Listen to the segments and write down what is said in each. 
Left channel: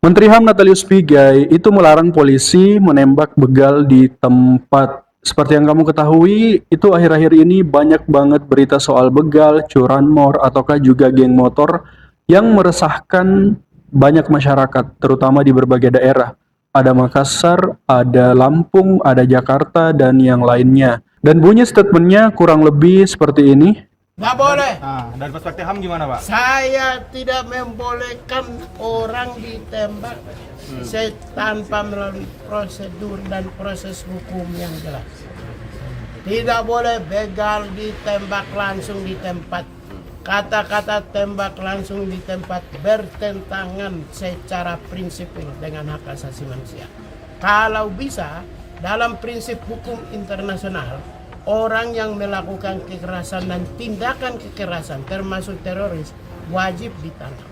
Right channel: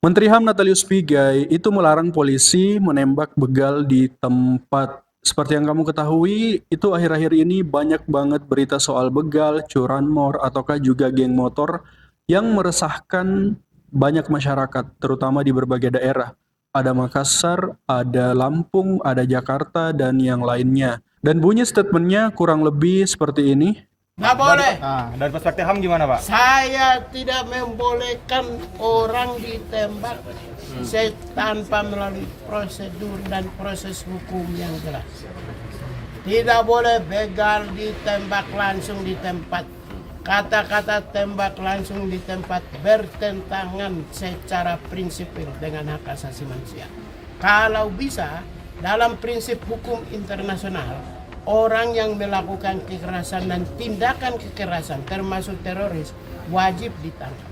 Menteri HAM Natalius Pigai itu melarang polisi menembak begal di tempat. Seperti yang kamu ketahui, itu akhir-akhir ini banyak banget berita soal begal, curanmor, ataukah juga geng motor yang meresahkan banyak masyarakat, terutama di berbagai daerah. Ada Makassar, ada Lampung, ada Jakarta, dan yang lainnya. Dan bunyi statementnya kurang lebih seperti ini. Nggak boleh. Dari perspektif HAM gimana, Pak? Saya tidak membolehkan orang ditembak tanpa melalui prosedur dan proses hukum yang jelas. Tidak boleh begal ditembak langsung di tempat. Kata-kata tembak langsung di tempat bertentangan secara prinsipil dengan hak asasi manusia. Kalau bisa, dalam prinsip hukum internasional, orang yang melakukan kekerasan dan tindakan kekerasan termasuk teroris wajib ditangkap.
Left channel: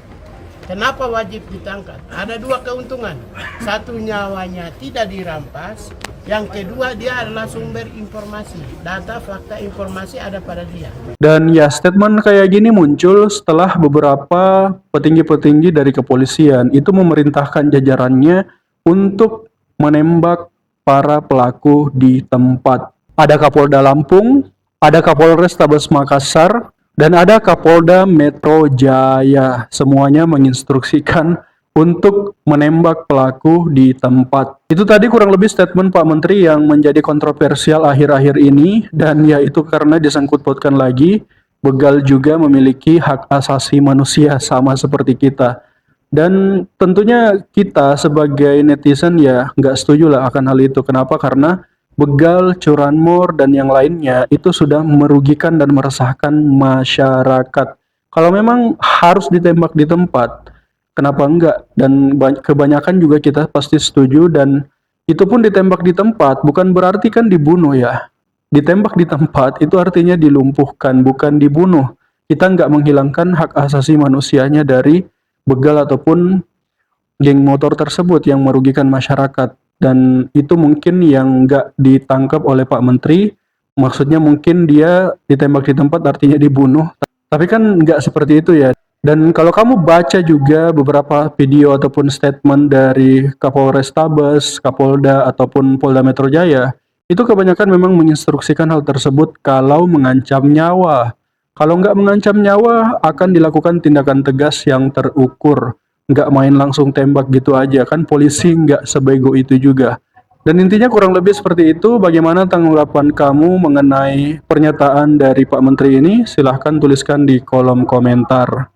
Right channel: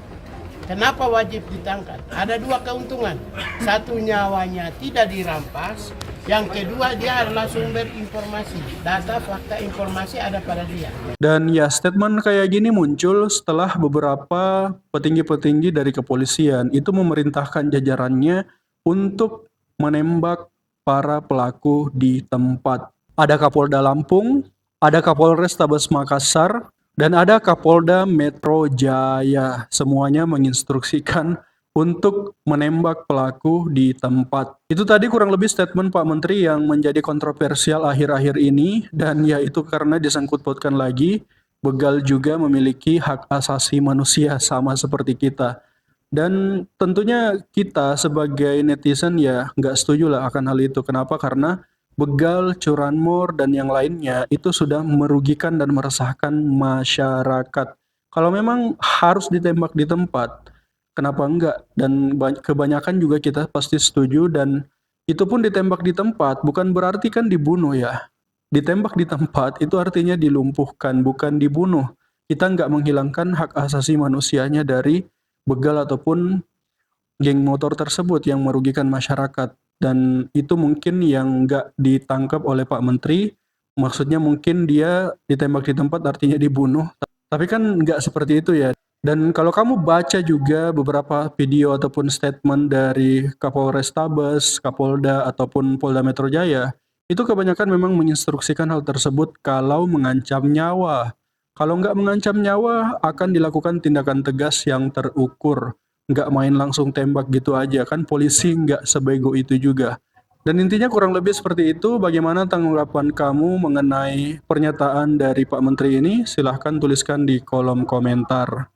Kenapa wajib ditangkap? Ada dua keuntungan. Satu, nyawanya tidak dirampas. Yang kedua, dia adalah sumber informasi. Data, fakta, informasi ada pada dia. Dan ya, statement kayak gini muncul setelah beberapa petinggi-petinggi dari kepolisian itu memerintahkan jajarannya untuk menembak para pelaku di tempat. Ada Kapolda Lampung, ada Kapolres Tabes Makassar, dan ada Kapolda Metro Jaya. Semuanya menginstruksikan untuk menembak pelaku di tempat. Itu tadi kurang lebih statement Pak Menteri yang menjadi kontroversial akhir-akhir ini, dan ya itu karena disangkut pautkan lagi, begal juga memiliki hak asasi manusia sama seperti kita. Dan tentunya kita sebagai netizen ya nggak setuju lah akan hal itu. Kenapa? Karena begal, curanmor, dan yang lainnya itu sudah merugikan dan meresahkan masyarakat. Kalau memang harus ditembak di tempat, kenapa enggak? Dan kebanyakan juga kita pasti setuju, dan itu pun ditembak di tempat, bukan berarti kan dibunuh ya. Ditembak di tempat itu artinya dilumpuhkan, bukan dibunuh. Kita nggak menghilangkan hak asasi manusianya dari begal ataupun geng motor tersebut yang merugikan masyarakat. Dan itu mungkin yang nggak ditangkap oleh Pak Menteri, maksudnya mungkin dia ditembak di tempat artinya dibunuh, tapi kan nggak seperti itu ya. Dan kalau kamu baca juga beberapa video ataupun statement dari Kapolres Tabes, Kapolda, ataupun Polda Metro Jaya, itu kebanyakan memang menginstruksikan hal tersebut kalau mengancam nyawa. Kalau nggak mengancam nyawa, akan dilakukan tindakan tegas yang terukur. Nggak main langsung tembak gitu aja, kan polisi nggak sebego itu juga. Dan intinya kurang lebih seperti itu. Bagaimana tanggapan kamu mengenai pernyataan dari Pak Menteri ini? Silahkan tuliskan di kolom komentar.